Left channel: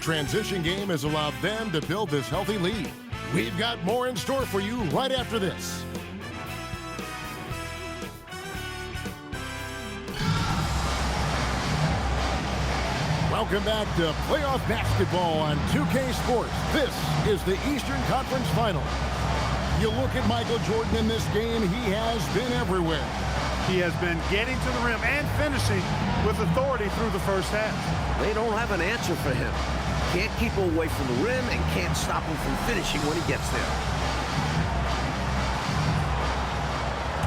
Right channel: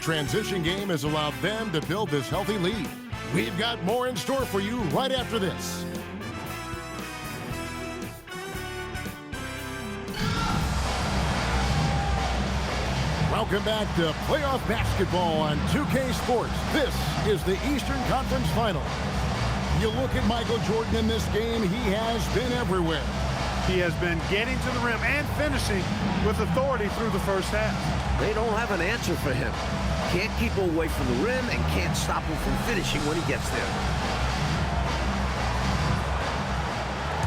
Transition game has allowed them to build this healthy lead. We've got more in store for you right after this. Welcome back to playoff basketball on 2K Sports. This is the Eastern Conference Final. You look at Michael Jordan in this game, he has been everywhere. He has been getting to the rim and finishing with authority through the first half. They don't have an answer for him. Can't keep him away from the rim and can't stop him from finishing when he gets there.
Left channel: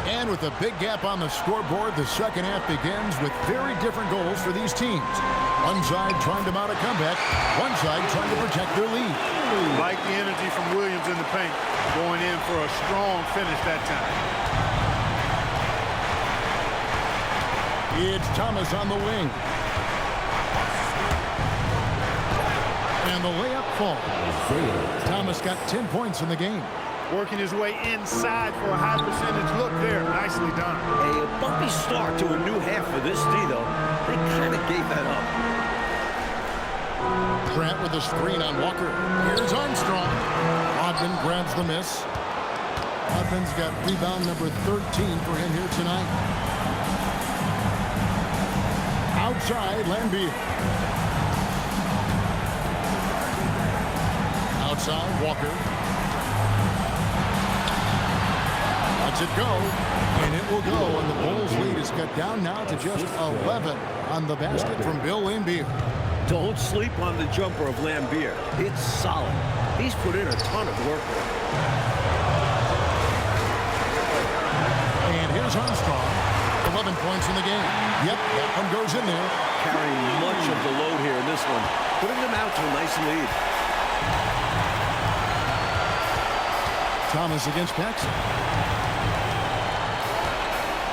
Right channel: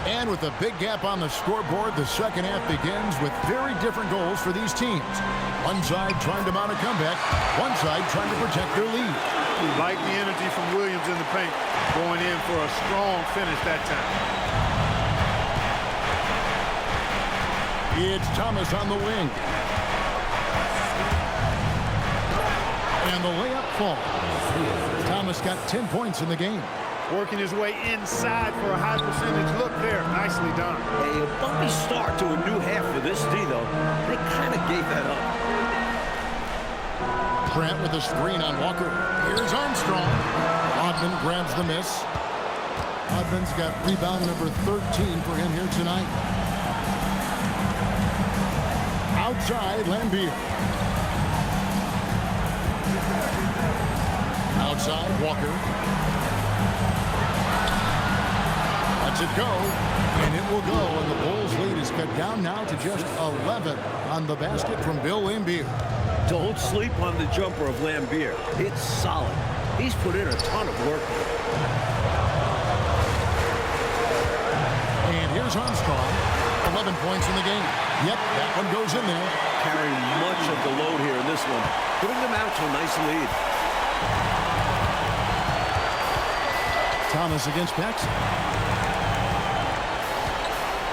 And with a big gap on the scoreboard, the second half begins with very different goals for these teams. One side trying to mount a comeback, one side trying to protect their lead. Like the energy from Williams in the paint, going in for a strong finish that time. It's Thomas on the wing. And the layup falls. Thomas got 10 points in the game. Working his way inside for a high percentage look there. Nicely done. A bumpy start to a new half for this D, though. They kind of gave that up. Grant with a screen on Walker. Here's Armstrong. Rodman grabs the miss. Rodman's got rebound number 13 for him here tonight. Outside, Lambier. Outside, Walker. Lets it go, and it will go, and the Bulls' lead is cut down now to just 11 on the basket from Bill Lambier. Don't sleep on the jumper of Lambier. It's solid. He's put in a ton of work on it. And here's Armstrong, 11 points in the game. Yep, that one goes in there. Carrying much of the load here in this one, putting them out to a nice lead. Thomas against Paxson.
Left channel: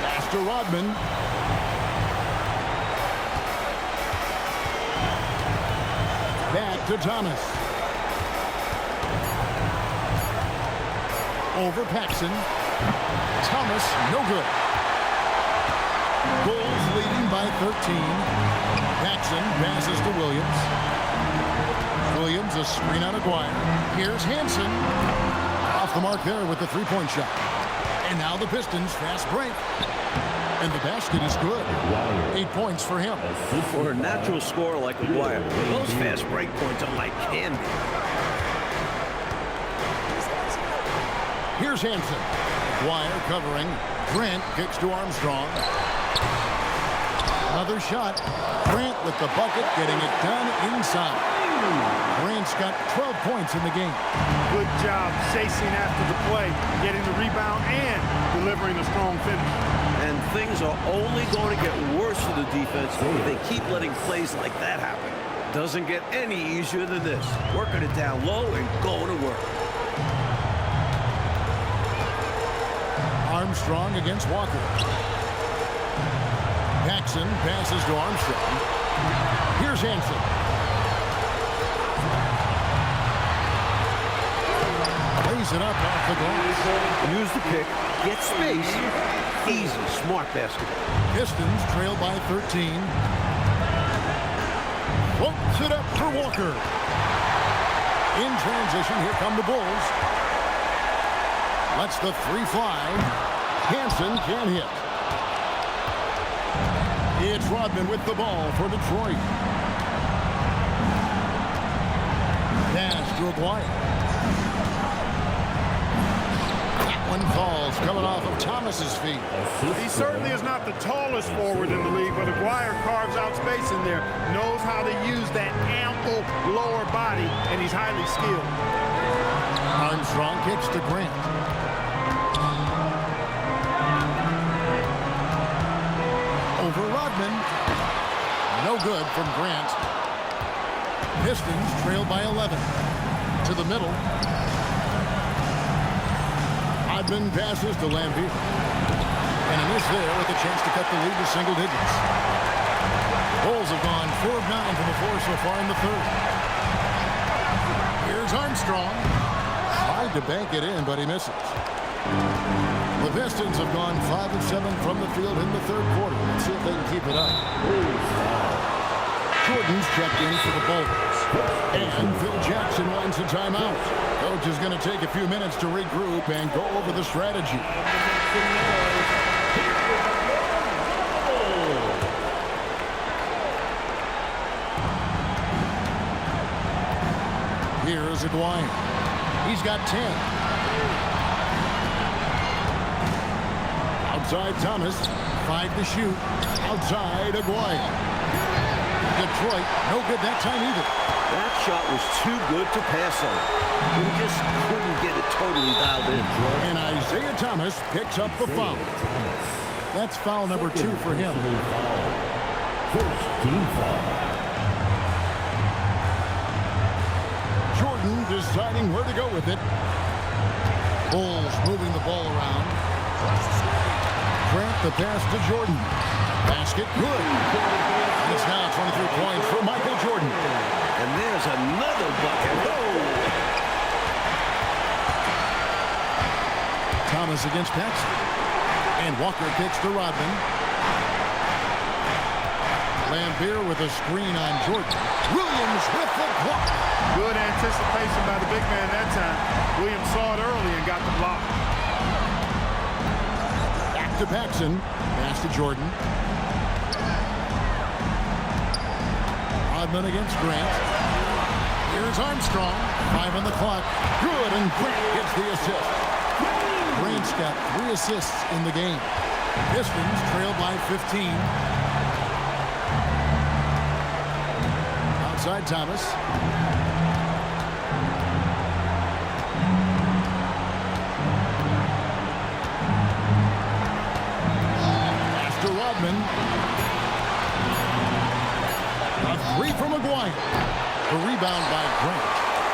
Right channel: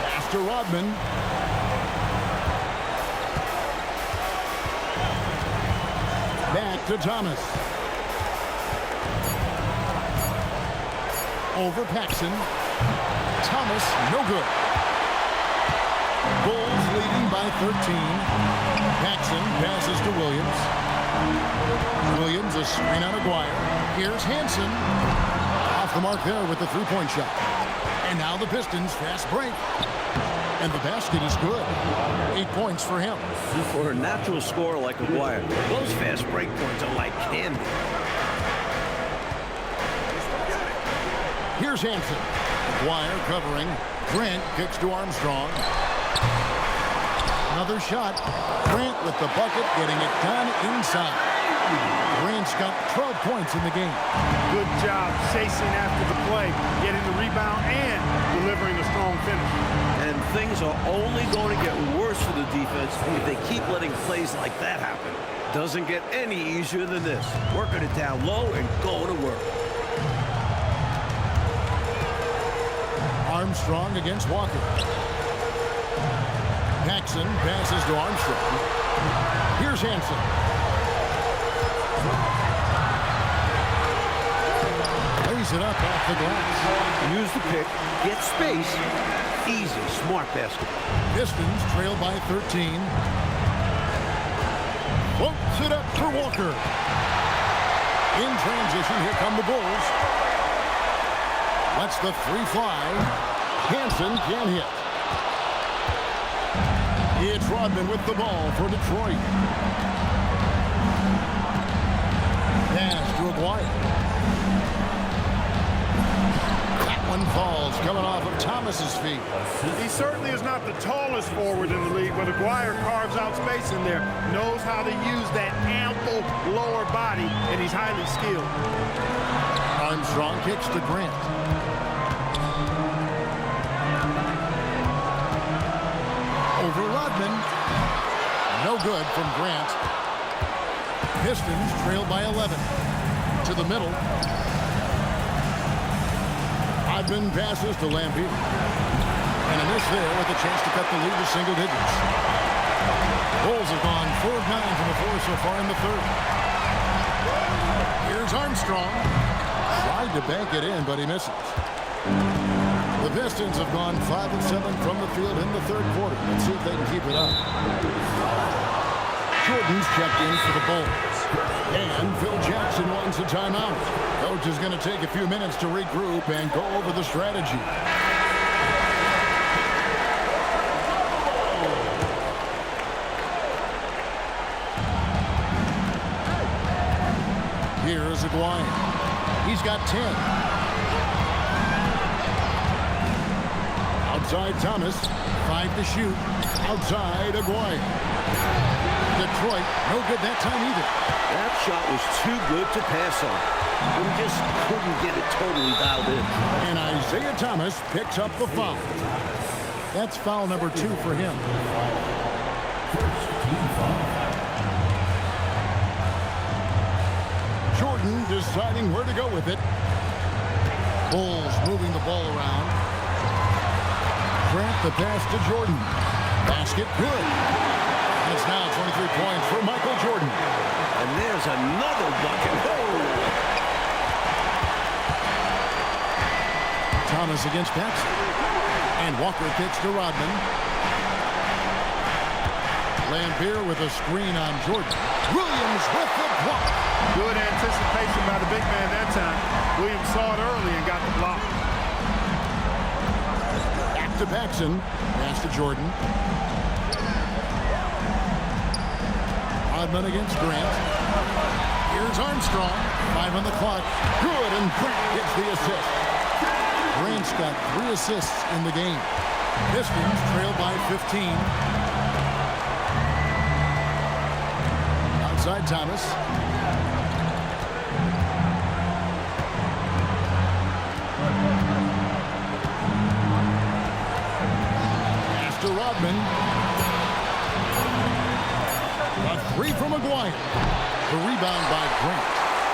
Pass to Rodman. Back to Thomas. Over Paxson. Thomas, no good. Bulls leading by 13. Paxson passes to Williams. Williams, a screen on Aguirre. Here's Hansen. Off the mark there with the three-point shot. And now the Pistons fast break. And the basket is good. 8 points for him. For a natural scorer like Aguirre, those fast break points are like candy. Here's Hansen. Aguirre covering. Grant kicks to Armstrong. Another shot. Grant with the bucket, getting it done inside. Grant's got 12 points in the game. Good job chasing after the play, getting the rebound and delivering a strong finish. And things are only going to get worse for the defense if they keep letting plays like that happen. Doesn't get any easier than this. Working it down low and going to work. Armstrong against Walker. Paxson passes to Armstrong. Here's Hansen. Lays it up off the glass. Use the pick, get space. Easy, smart basketball. Pistons trail by 13. Floats it up for Walker. In transition, here come the Bulls. Lets the three fly. Hansen can't hit. It's Rodman with the ball for Detroit. Pass to Aguirre. That one falls, coming off of Thomas's feet. He certainly is not the tallest forward in the league, but Aguirre carves out space in there, knows how to use that ample lower body, and he's highly skilled. Armstrong kicks to Grant. Over Rodman. No good from Grant. Pistons trail by 11. To the middle. Rodman passes to Lambier. And a miss there with a chance to cut the lead to single digits. Bulls have gone 4 of 9 from the floor so far in the third. Here's Armstrong. Tried to bank it in, but he misses. The Pistons have gone 5 of 7 from the field in the third quarter. Let's see if they can keep it up. Jordan's checked in for the Bulls. And Phil Jackson wants a timeout. Coach is going to take a few minutes to regroup and go over the strategy. Here's Aguirre. He's got 10. Outside Thomas. 5 to shoot. Outside Aguirre. Detroit, no good that time either. That shot was too good to pass on. But he just couldn't get it totally dialed in. And Isaiah Thomas picks up the foul. That's foul number 2 for him. First team foul. Jordan deciding where to go with it. Bulls moving the ball around. Grant the pass to Jordan. Basket good. And it's now 23 points for Michael Jordan. And there's another bucket. Whoa! Thomas against Paxson. And Walker kicks to Rodman. Lambeer with a screen on Jordan. Williams with the block. Good anticipation by the big man that time. Williams saw it early and got the block. Back to Paxson. Pass to Jordan. Rodman against Grant. Here's Armstrong. 5 on the clock. Good, and Grant gets the assist. Grant's got 3 assists in the game. Pistons trail by 15. Outside Thomas. Pass to Rodman. A 3 from Aguirre. The rebound by Grant.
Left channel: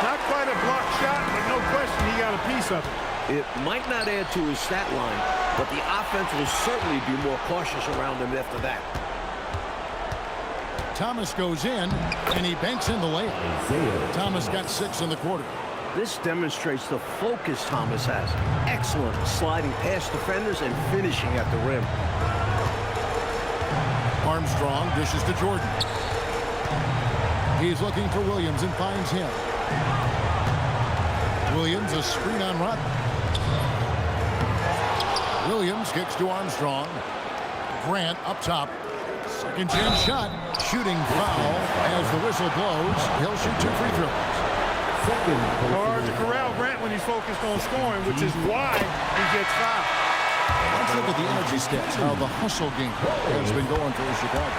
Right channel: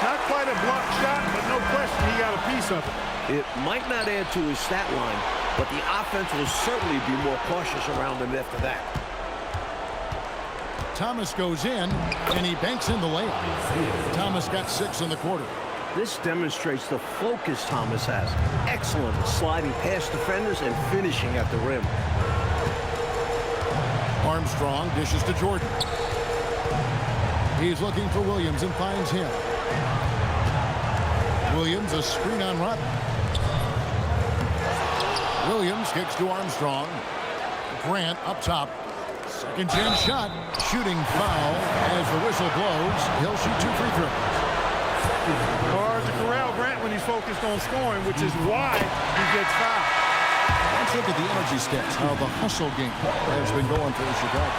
Not quite a block shot, but no question he got a piece of it. It might not add to his stat line, but the offense will certainly be more cautious around him after that. Thomas goes in, and he banks in the layup. Thomas got 6 in the quarter. This demonstrates the focus Thomas has. Excellent at sliding past defenders and finishing at the rim. Armstrong dishes to Jordan. He's looking for Williams and finds him. Williams, a screen on Rodman. Williams kicks to Armstrong. Grant up top. Second chance shot. Shooting foul as the whistle blows. He'll shoot 2 free throws. Hard to corral Grant when he's focused on scoring, which is why he gets fouled. Let's look at the energy stats, how the hustle game has been going for Chicago.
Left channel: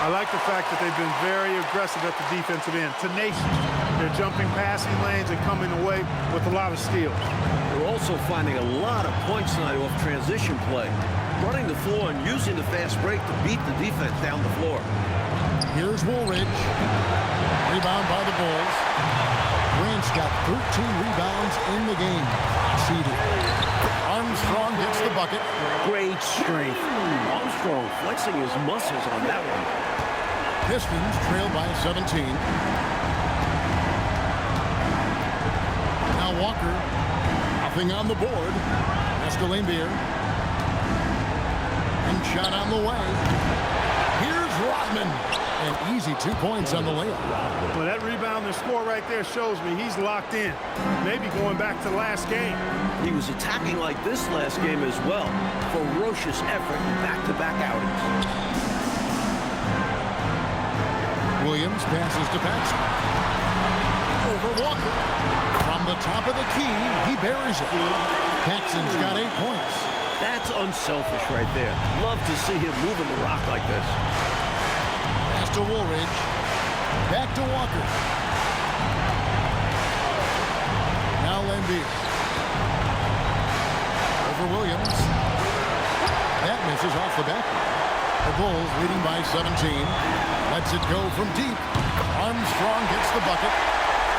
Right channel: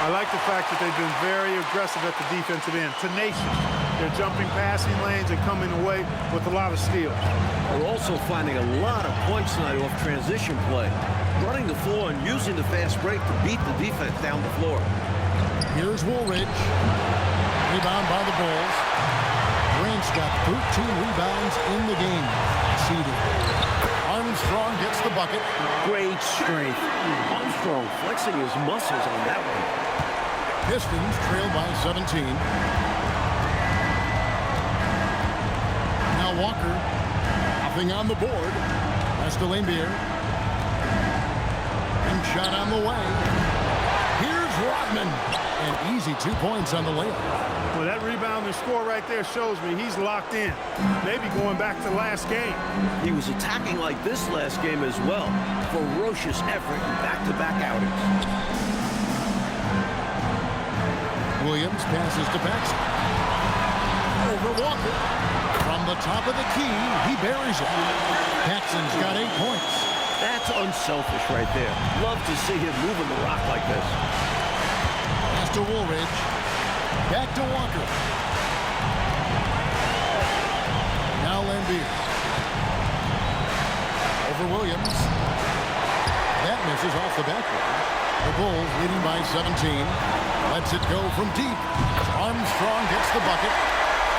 I like the fact that they've been very aggressive at the defensive end, tenacious. They're jumping passing lanes and coming away with a lot of steals. They're also finding a lot of points tonight off transition play, running the floor and using the fast break to beat the defense down the floor. Here's Woolridge. Rebound by the Bulls. Grant's got 13 rebounds in the game. Seeded. Armstrong gets the bucket. Great strength. Armstrong flexing his muscles on that one. Pistons trail by 17. Now Walker. Nothing on the board. That's to Lambeer. And shot on the way. Here's Rodman. An easy 2 points on the layup. Well, that rebound and score right there shows me he's locked in. Maybe going back to last game. He was attacking like this last game as well. Ferocious effort in back-to-back outings. Williams passes to Paxson. Over Walker. From the top of the key, he buries it. Paxson's got 8 points. That's unselfish right there. Love to see him moving the rock like this. Pass to Woolridge. Back to Walker. Now Lambeer. Over Williams. That misses off the backboard. The Bulls leading by 17. Lets it go from deep. Armstrong gets the bucket.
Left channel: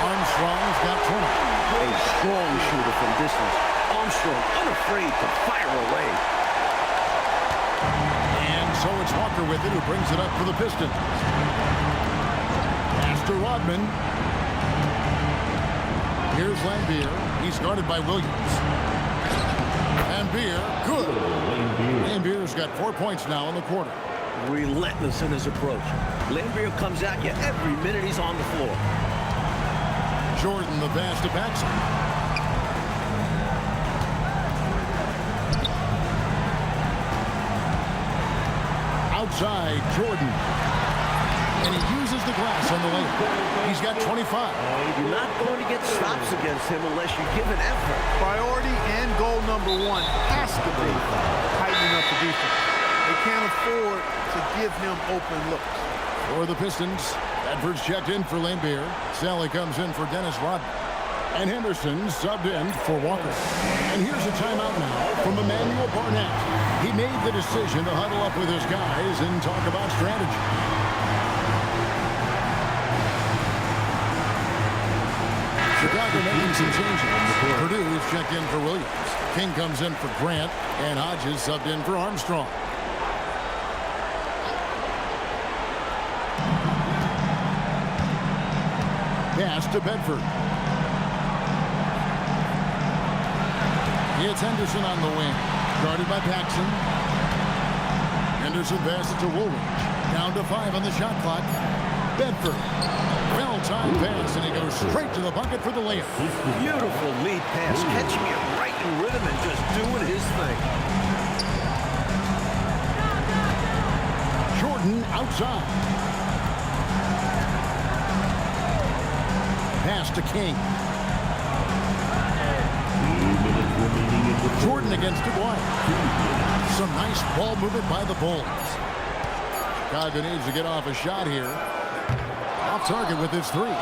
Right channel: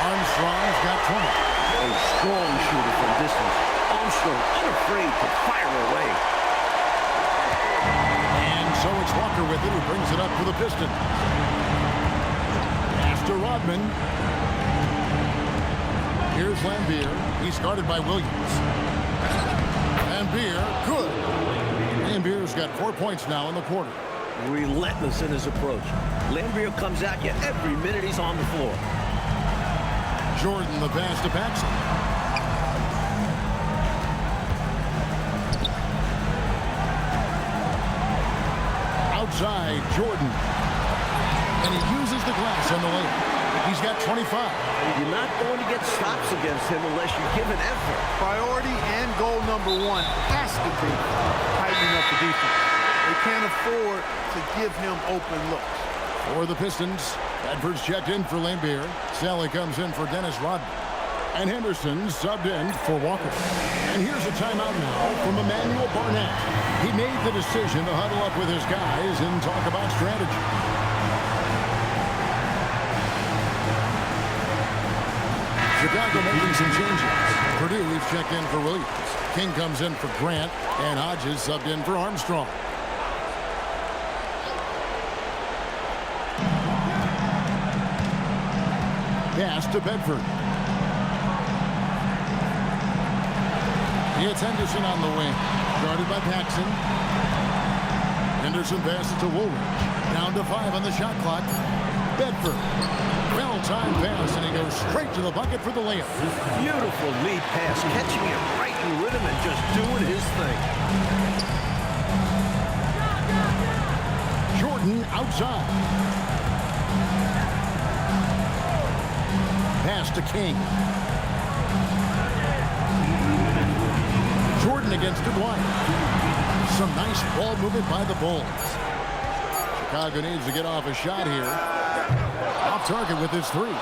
Armstrong's got 20. A strong shooter from distance. Armstrong unafraid to fire away. And so it's Walker with it, who brings it up for the Pistons. Pass to Rodman. Here's Lambeer. He's guarded by Williams. Lambeer, good. Lambeer's got 4 points now in the quarter. Relentless in his approach. Lambeer comes at you every minute he's on the floor. Jordan, the pass to Paxson. Outside, Jordan. And he uses the glass on the layup. He's got 25. You're not going to get stops against him unless you give an effort. Priority and goal number one has to be tightening up the defense. They can't afford to give him open looks. For the Pistons, Bedford's checked in for Lambier. Sally comes in for Dennis Rodman. And Henderson subbed in for Walker. And here's a timeout now from Emmanuel Barnett. He made the decision to huddle up with his guys and talk about strategy. Chicago making some changes. Purdue, he's checked in for Williams. King comes in for Grant, and Hodges subbed in for Armstrong. Pass to Bedford. It's Henderson on the wing. Guarded by Paxson. Henderson passes to Woolridge. Down to 5 on the shot clock. Bedford. Well-timed pass, and he goes straight to the bucket for the layup. Beautiful lead pass, catching it right in rhythm and just doing his thing. Jordan outside. Pass to King. Jordan against Dwyer. Some nice ball movement by the Bulls. Chicago needs to get off a shot here. Off target with his 3.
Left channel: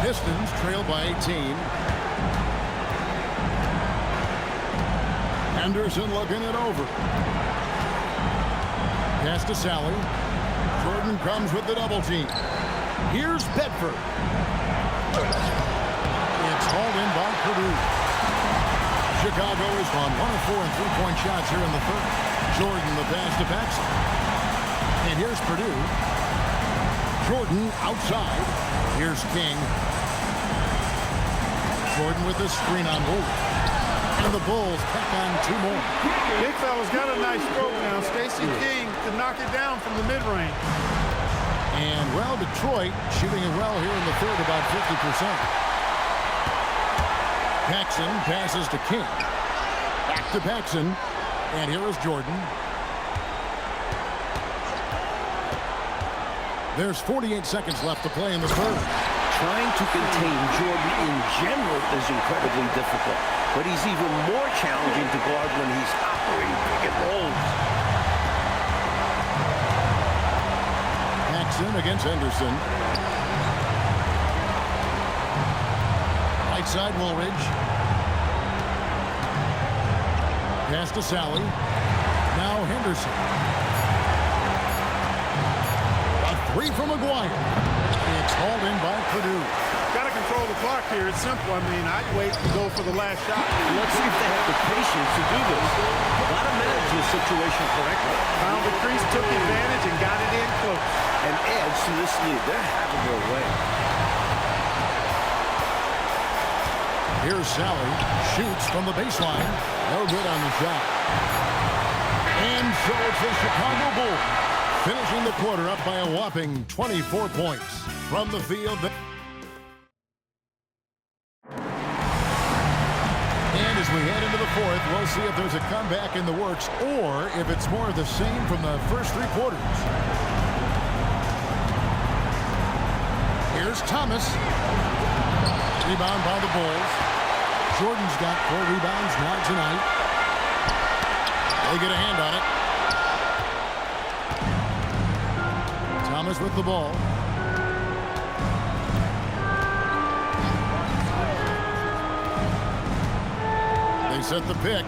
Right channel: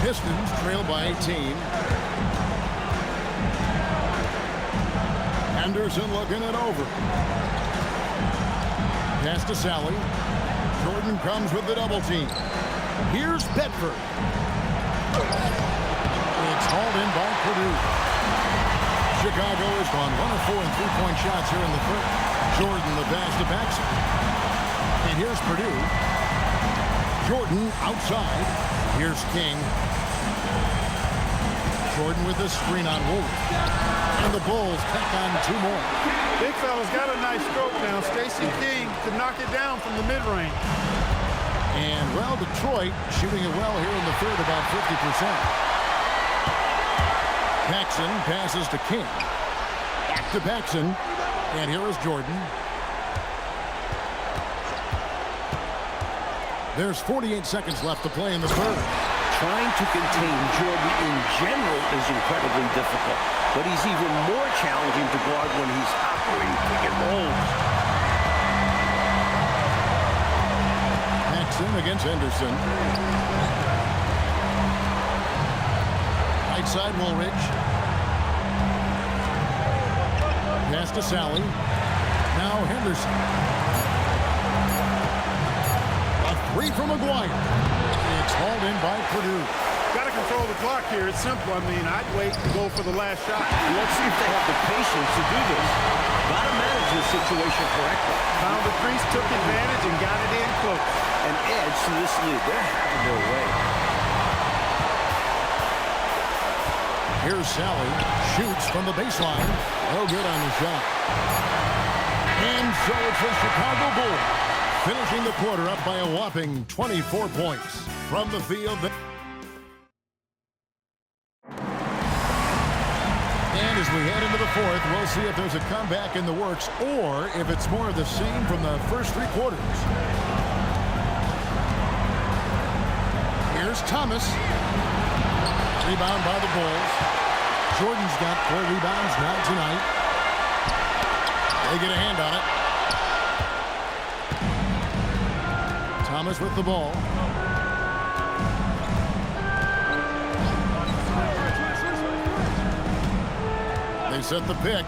Pistons trail by 18. Henderson looking it over. Pass to Sally. Jordan comes with the double team. Here's Bedford. It's hauled in by Purdue. Chicago has gone 1 of 4 in three-point shots here in the third. Jordan the pass to Paxson. And here's Purdue. Jordan outside. Here's King. Jordan with the screen on Woolridge. And the Bulls tack on 2 more. Big fella's got a nice stroke now. Stacey King could knock it down from the mid-range. And, well, Detroit shooting it well here in the third, about 50%. Paxson passes to King. Back to Paxson. And here is Jordan. There's 48 seconds left to play in the third. Trying to contain Jordan in general is incredibly difficult, but he's even more challenging to guard when he's operating pick and rolls. Paxson against Henderson. Right side Woolridge. Pass to Sally. Now Henderson. A 3 from McGuire. It's hauled in by Purdue. Got to control the clock here. It's simple. I mean, I'd wait to go for the last shot. Let's see if they have the patience to do this. Got to manage this situation correctly. Found the crease, took advantage, and got it in close. And adds to this lead. They're having their way. Here's Sally. Shoots from the baseline. No good on the shot. And so it's the Chicago Bulls finishing the quarter up by a whopping 24 points. From the field. And as we head into the fourth, we'll see if there's a comeback in the works or if it's more of the same from the first 3 quarters. Here's Thomas. Rebound by the Bulls. Jordan's got 4 rebounds now tonight. They get a hand on it. Thomas with the ball. They set the pick.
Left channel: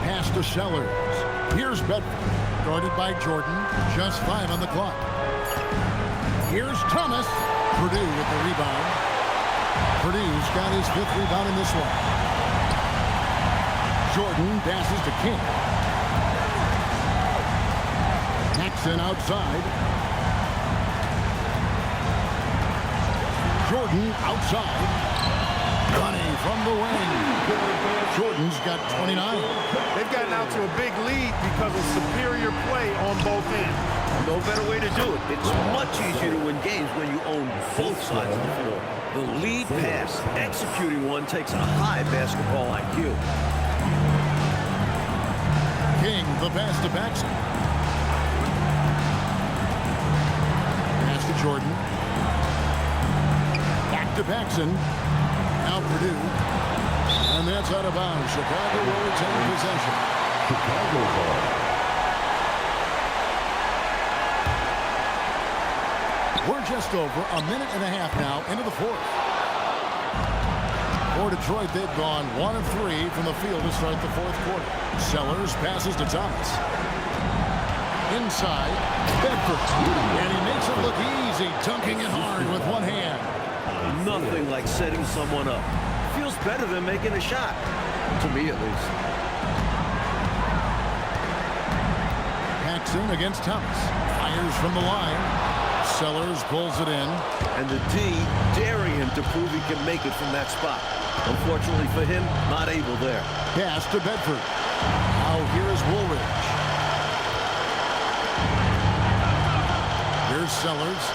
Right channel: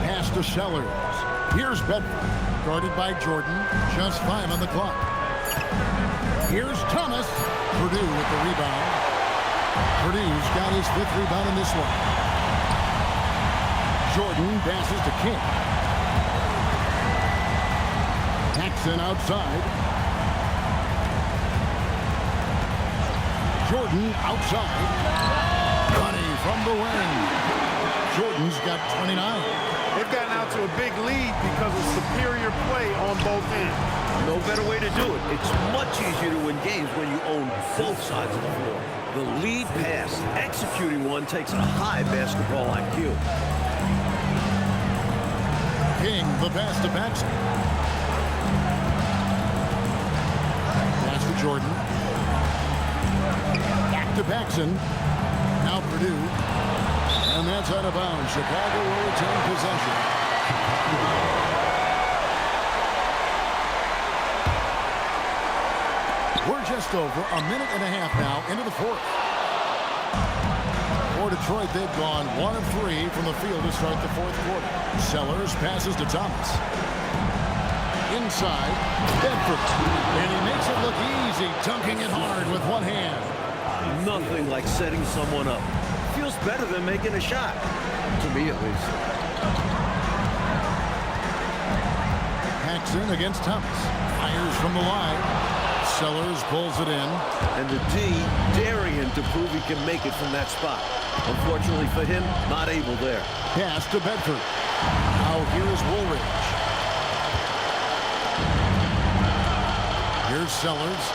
Pass to Sellers. Here's Bedford. Guarded by Jordan. Just 5 on the clock. Here's Thomas. Purdue with the rebound. Purdue's got his 5th rebound in this one. Jordan passes to King. Paxson outside. Jordan outside. Money from the wing. Jordan's got 29. They've gotten out to a big lead because of superior play on both ends. No better way to do it. It's much easier to win games when you own both sides of the floor. The lead pass, executing one takes a high basketball IQ. King, the pass to Paxson. Pass to Jordan. Back to Paxson. Now Purdue. And that's out of bounds. Chicago will retain possession. We're just over a minute and a half now into the fourth. For Detroit, they've gone 1 of 3 from the field to start the fourth quarter. Sellers passes to Thomas. Inside, Bedford. And he makes it look easy, dunking it hard with one hand. Nothing like setting someone up. Feels better than making a shot. To me, at least. Paxson against Thomas. Fires from the line. Sellers pulls it in. And the D daring him to prove he can make it from that spot. Unfortunately for him, not able there. Pass to Bedford. Now here is Woolridge. Here's Sellers.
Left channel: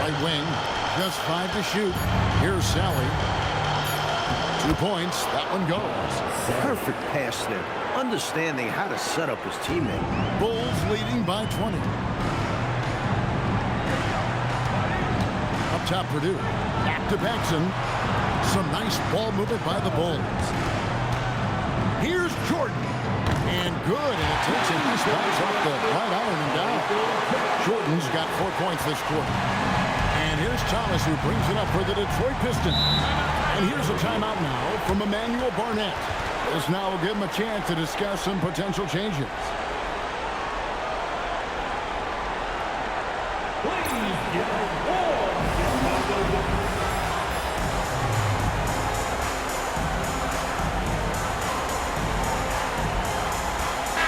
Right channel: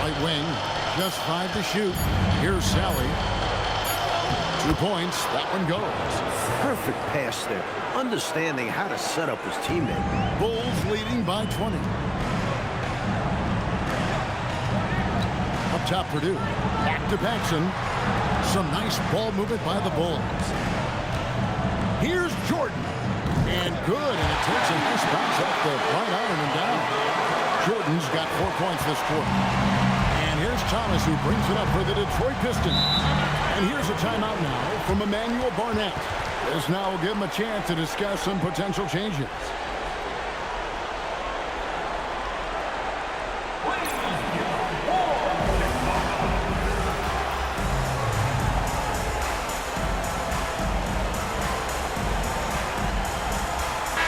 Right wing. Just 5 to shoot. Here's Sally. 2 points. That one goes. Perfect pass there. Understanding how to set up his teammate. Bulls leading by 20. Up top, Purdue. Back to Paxson. Some nice ball movement by the Bulls. Here's Jordan. And good, and it takes a nice bounce off the right iron and down. Jordan's got 4 points this quarter. And here's Thomas, who brings it up for the Detroit Pistons. And here's a timeout now from Emmanuel Barnett. This now will give him a chance to discuss some potential changes.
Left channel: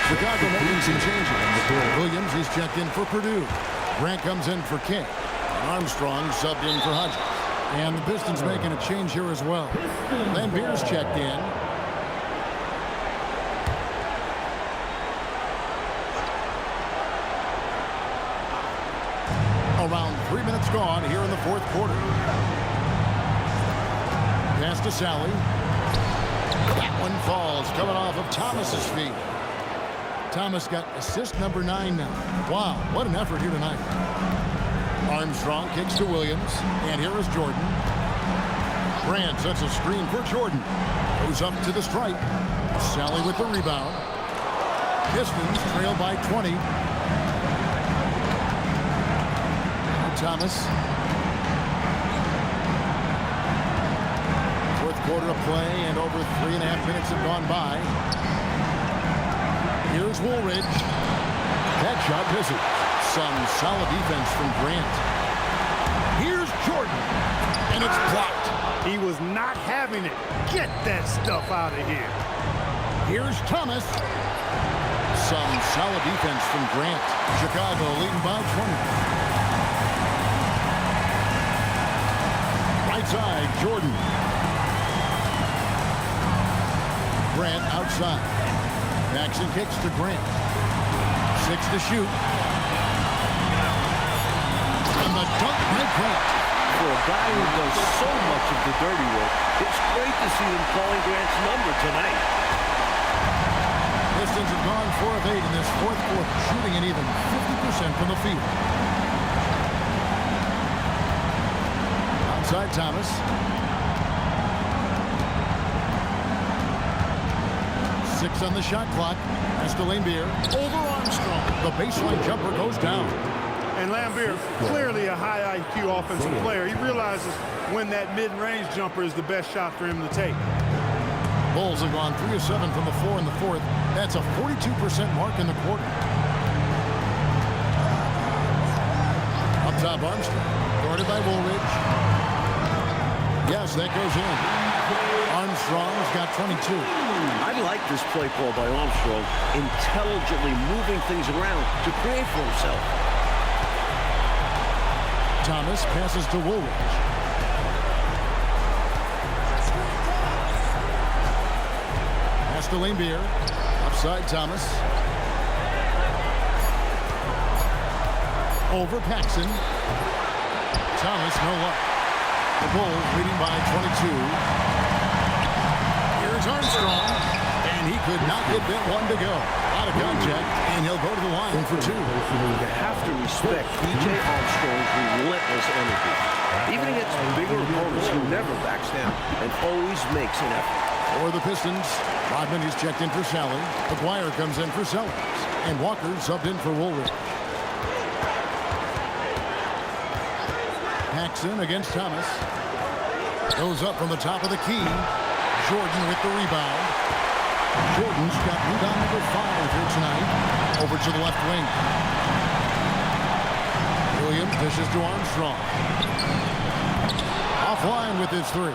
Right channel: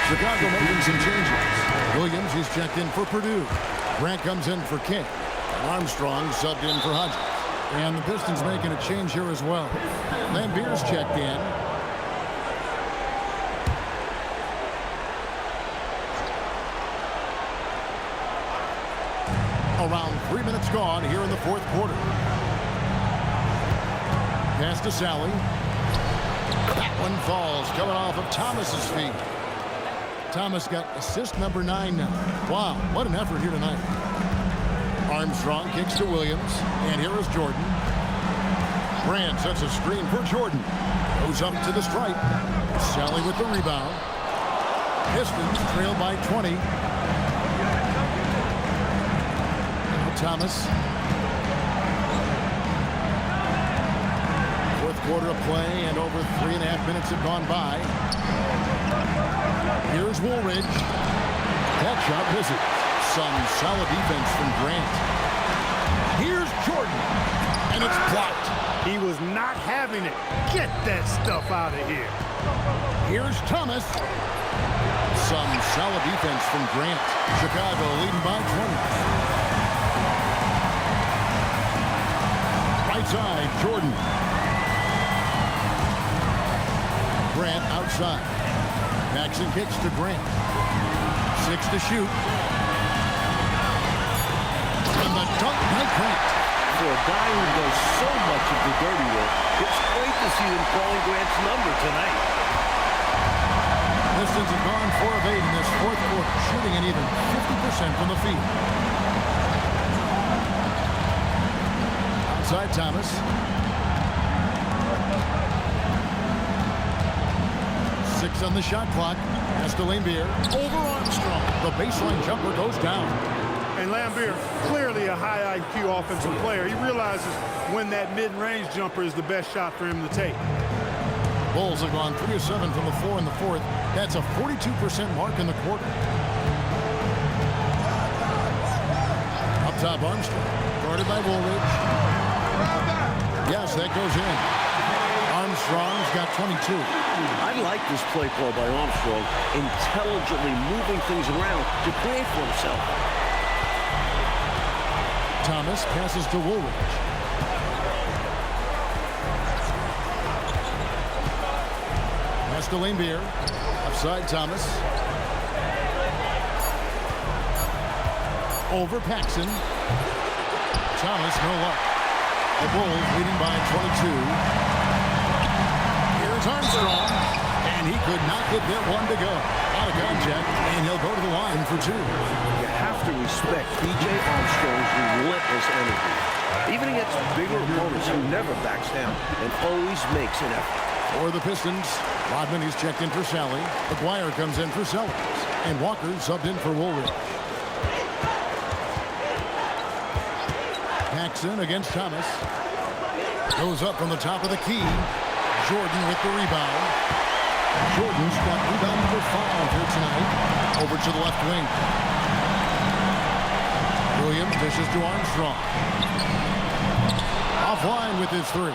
Chicago making some changes. Williams, he's checked in for Purdue. Grant comes in for King. And Armstrong subbed in for Hodges. And the Pistons making a change here as well. Lambier's checked in. Around 3 minutes gone here in the fourth quarter. Pass to Sally. That one falls, coming off of Thomas's feet. Thomas got assist number 9 now. Wow, what an effort here tonight. Armstrong kicks to Williams, and here is Jordan. Grant sets a screen for Jordan. Goes up to the stripe. Sally with the rebound. Pistons trail by 20. Now Thomas. Fourth quarter of play, and over 3.5 minutes have gone by. Here's Woolridge. That shot misses. Some solid defense from Grant. Here's Jordan. And it's blocked. He was not having it. Get that stuff out of here. Here's Thomas. Some solid defense from Grant. Chicago leading by 20. Right side, Jordan. Grant outside. Paxson kicks to Grant. 6 to shoot. And the dunk by Grant. For a guy who does so much of the dirty work, it's great to see them calling Grant's number tonight. Pistons have gone 4 of 8 in this fourth quarter, shooting an even 50% from the field. Outside Thomas. Six on the shot clock. Pass to Lambier. Over Armstrong. The baseline jumper goes down. And Lambier, clearly a high IQ offensive player. He realizes when that mid-range jumper is the best shot for him to take. Bulls have gone 3 of 7 from the floor in the fourth. That's a 42% mark in the quarter. Up top, Armstrong. Guarded by Woolridge. Yes, that goes in. Armstrong's got 22. I like this play call by Armstrong, intelligently moving things around to create for himself. Thomas passes to Woolridge. Pass to Lambier. Upside Thomas. Over Paxson. Thomas, no luck. The Bulls leading by 22. Here's Armstrong, and he could not get that one to go. A lot of contact, and he'll go to the line for 2. You have to respect B.J. Armstrong's relentless energy. Even against bigger opponents, he never backs down and always makes an effort. For the Pistons, Rodman is checked in for Sally. McGuire comes in for Sellers, and Walker subbed in for Woolridge. Paxson against Thomas. Goes up from the top of the key. Jordan with the rebound. Jordan's got rebound number 5 here tonight. Over to the left wing. Williams dishes to Armstrong. Offline with his 3.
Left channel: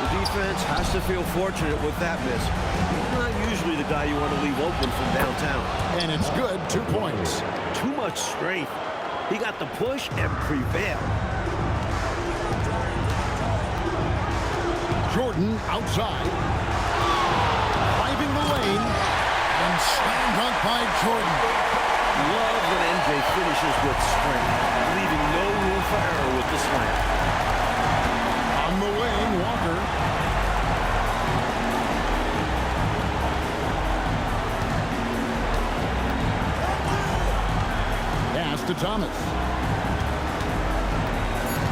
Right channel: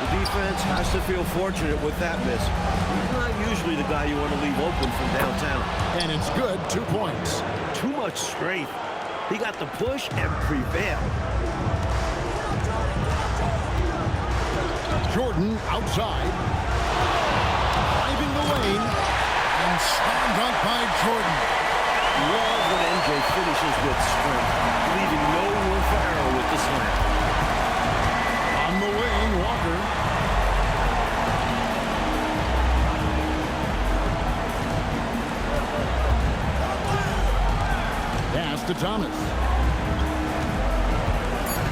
The defense has to feel fortunate with that miss. He's not usually the guy you want to leave open from downtown. And it's good, 2 points. Too much strength. He got the push and prevailed. Jordan outside. Driving the lane. And slam dunk by Jordan. Love when MJ finishes with strength, leaving no room for error with the slam. On the wing, Walker. Pass to Thomas.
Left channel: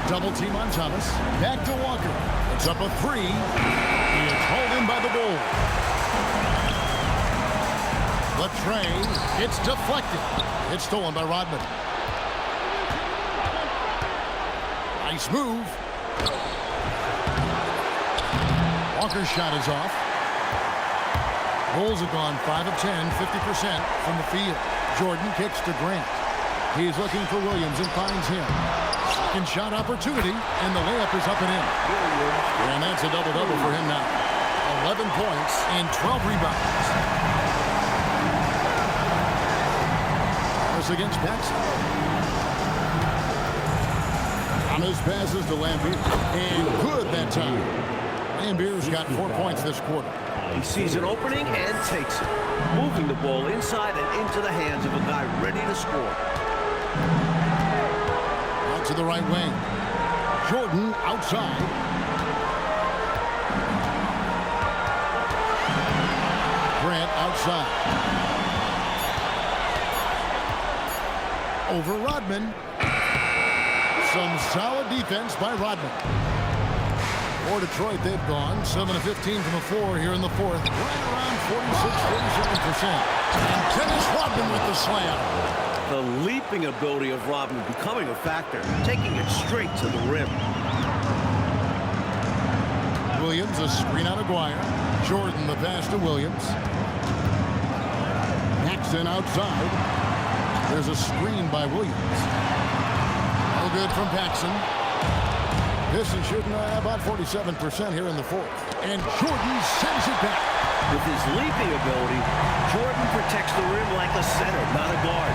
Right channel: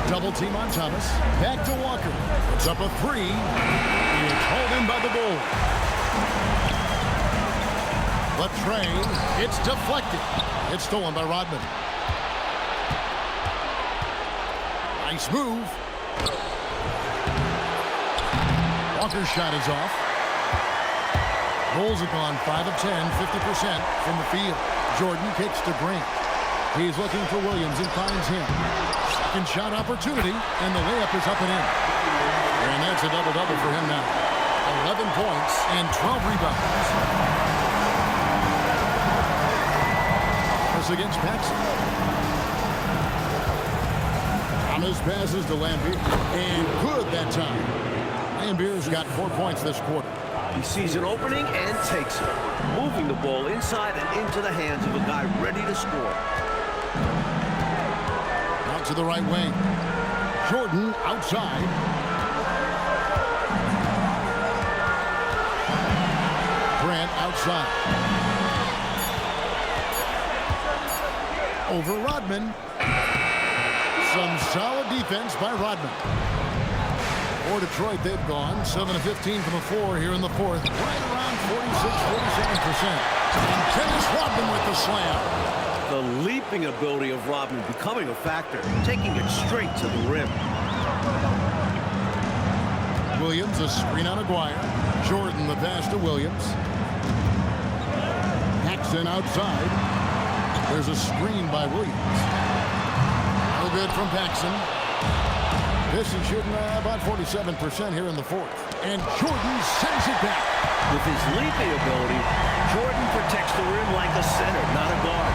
Double team on Thomas. Back to Walker. Puts up a 3. It's hauled in by the Bulls. The tray. It's deflected. It's stolen by Rodman. Nice move. Walker's shot is off. Bulls have gone 5 of 10, 50% from the field. Jordan kicks to Grant. He's looking for Williams and finds him. Second shot opportunity, and the layup is up and in. And that's a double-double for him now. 11 points and 12 rebounds. Thomas against Paxson. Thomas passes to Lambier. And good that time. Lambier's got 4 points this quarter. He sees an opening and takes it, moving the ball inside and into the hands of a guy ready to score. Out to the right wing. Jordan outside. Grant outside. Over Rodman. Some solid defense by Rodman. For Detroit, they've gone 7 of 15 from the floor here in the fourth. Right around 46-47%. And Dennis Rodman with the slam. The leaping ability of Rodman becoming a factor, taking it straight to the rim. Williams, a screen on Aguirre. Jordan, the pass to Williams. Paxson outside. There's a screen by Williams. No good from Paxson. Pistons shooting about 47% here in the fourth. And Jordan sends it back. With his leaping ability, Jordan protects the rim like a center, not a guard.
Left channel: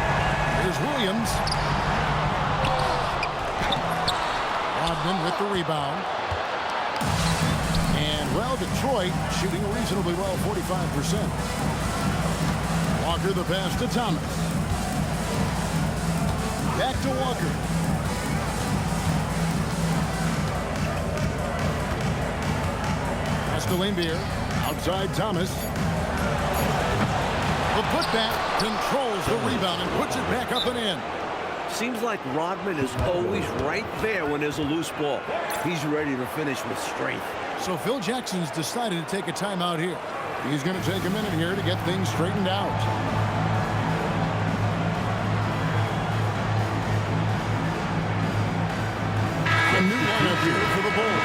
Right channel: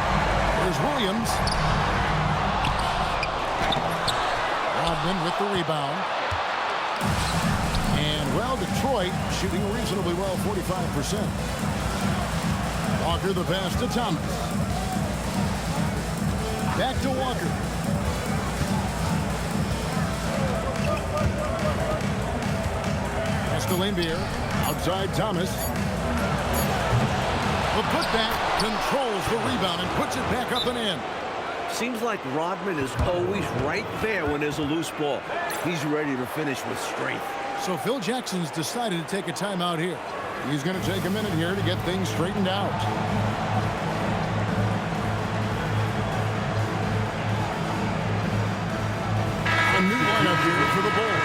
Here's Williams. Rodman with the rebound. And, well, Detroit shooting reasonably well, 45%. Walker the pass to Thomas. Back to Walker. Pass to Lambier. Outside Thomas. The putback controls the rebound and puts it back up and in. Seems like Rodman is always right there when there's a loose ball. He's ready to finish with strength. So Phil Jackson's decided to take a timeout here. He's going to take a minute here to get things straightened out. A new lineup here for the Bulls.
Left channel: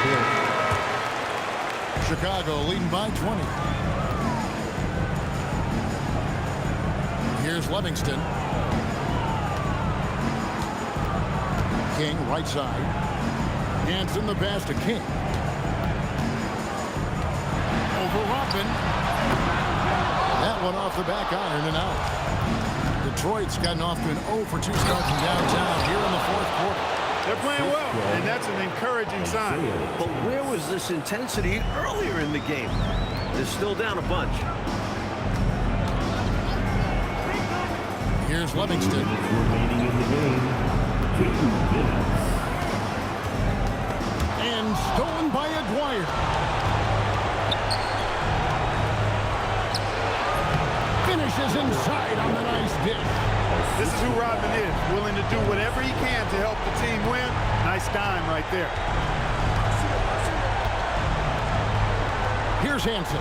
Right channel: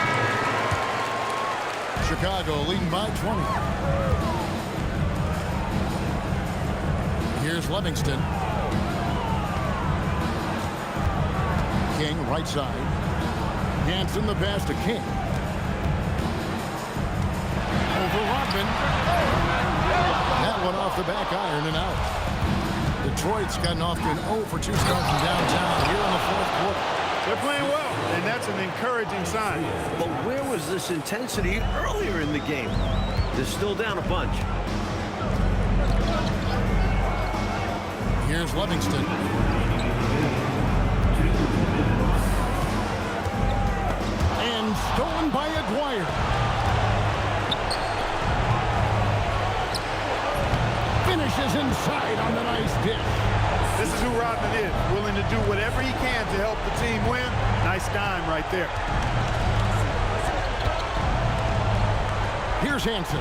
Chicago leading by 20. Here's Livingston. King right side. Hanson the pass to King. Over Rodman. That one off the back iron and out. Detroit's gotten off to an 0 for 2 start from downtown here in the fourth quarter. They're playing well, and that's an encouraging sign. But where was this intensity earlier in the game? They're still down a bunch. Here's Livingston. and stolen by Aguirre. Finishes inside on the nice dish. This is who Rodman is, willing to do whatever he can to help the team win. Nice dime right there. Here's Hansen.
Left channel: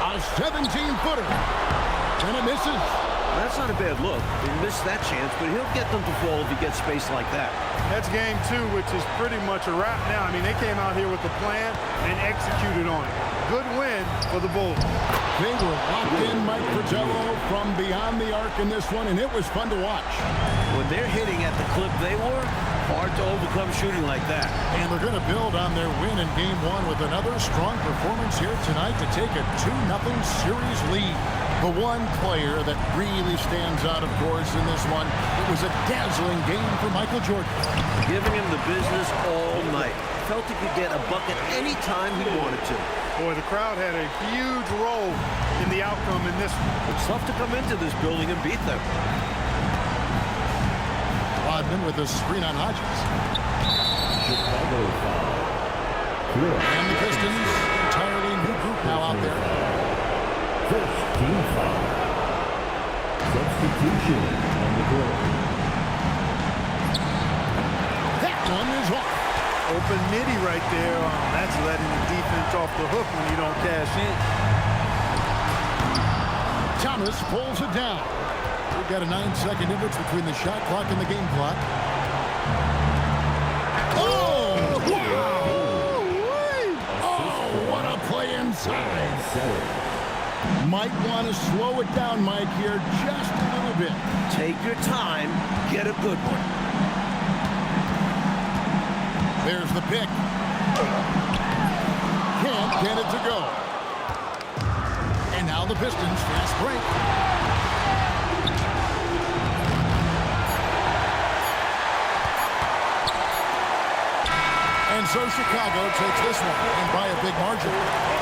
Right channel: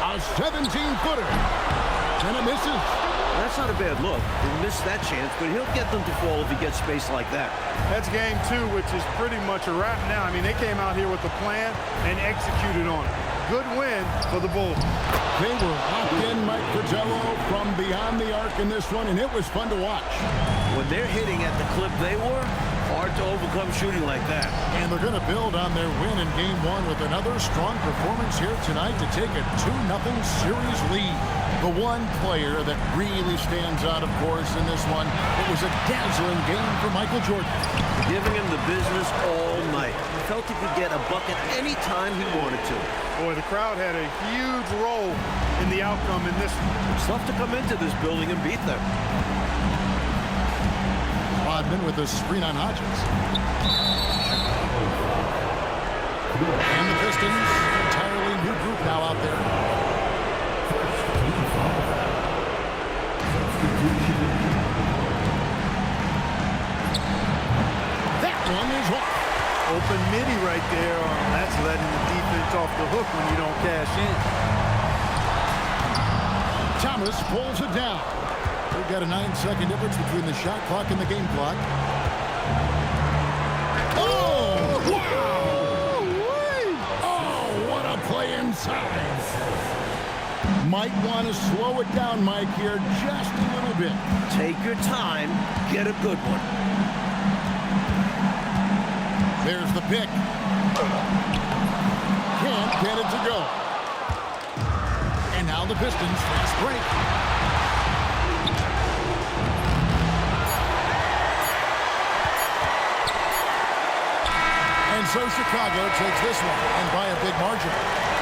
A 17-footer. And it misses. That's not a bad look. He missed that chance, but he'll get them to fall if he gets space like that. That's game 2, which is pretty much a wrap now. I mean, they came out here with a plan and executed on it. Good win for the Bulls. They were locked in, Mike Fratello, from beyond the arc in this one, and it was fun to watch. When they're hitting at the clip they were, hard to overcome shooting like that. And they're going to build on their win in Game 1 with another strong performance here tonight to take a 2-0 series lead. The one player that really stands out, of course, in this one, it was a dazzling game for Michael Jordan. Giving him the business all night. Felt he could get a bucket any time he wanted to. Boy, the crowd had a huge role in the outcome in this one. It's tough to come into this building and beat them. Rodman with a screen on Hodges. And the Pistons, entirely new group now out there. First team foul. Substitution on the court. That one is off. Open midi right there. That's letting the defense off the hook when you don't cash in. Thomas pulls it down. We've got a 9-second difference between the shot clock and the game clock. Oh! Wow! Oh, what a play inside. Might want to slow it down, Mike, here just a little bit. Take your time, get a good one. There's the pick. Can't get it to go. And now the Pistons fast break. And so Chicago takes this one, and by a big margin.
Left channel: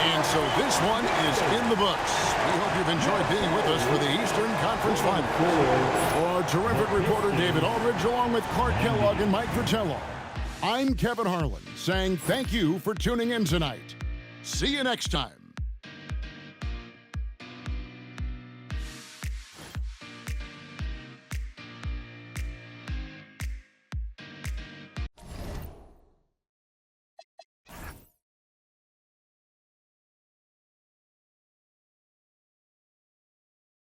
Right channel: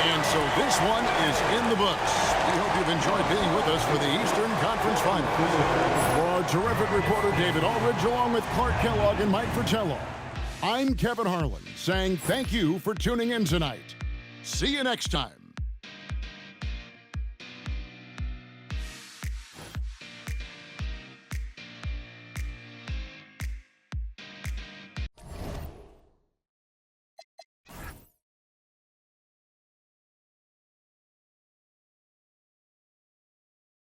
And so this one is in the books. We hope you've enjoyed being with us for the Eastern Conference Finals. For our terrific reporter David Aldridge, along with Clark Kellogg and Mike Fratello, I'm Kevin Harlan, saying thank you for tuning in tonight. See you next time.